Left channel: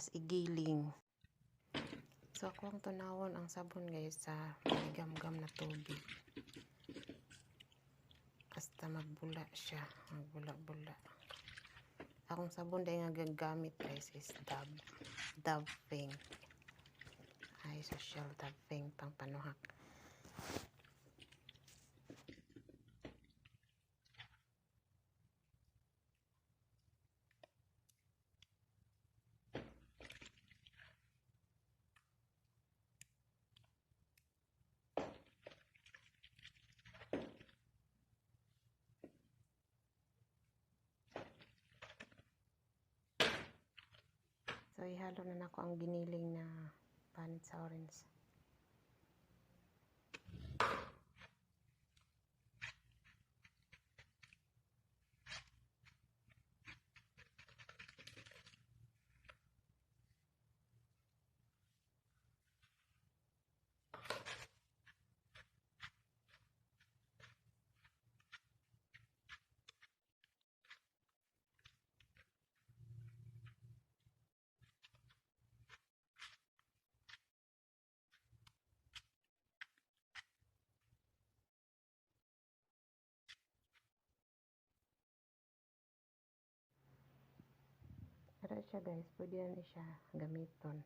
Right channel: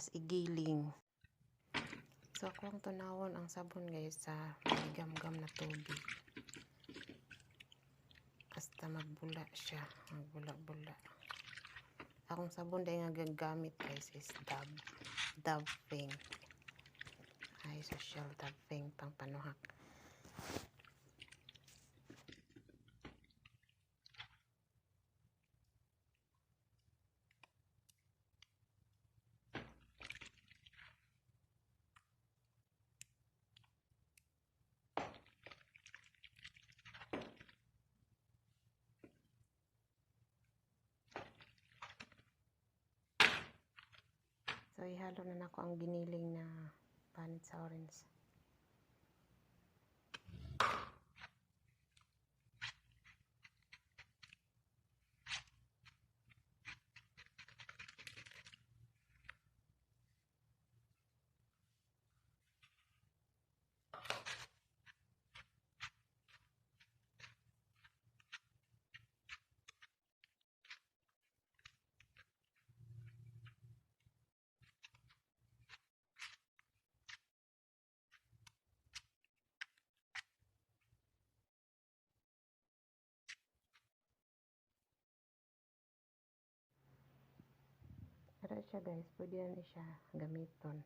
tas igiling. So ako ang tunawon ang sabon guys sa maligam-gam na tubig. Hasta magbula siya, magbula-bula. Akong sabon dahil nga gagamit guys is Dove Pink. Ay, social Dove Pink pang panuhak. So, ihalo na ako ang giniling na panit sa orange. Pero siya guys, pwede na siya gamiton.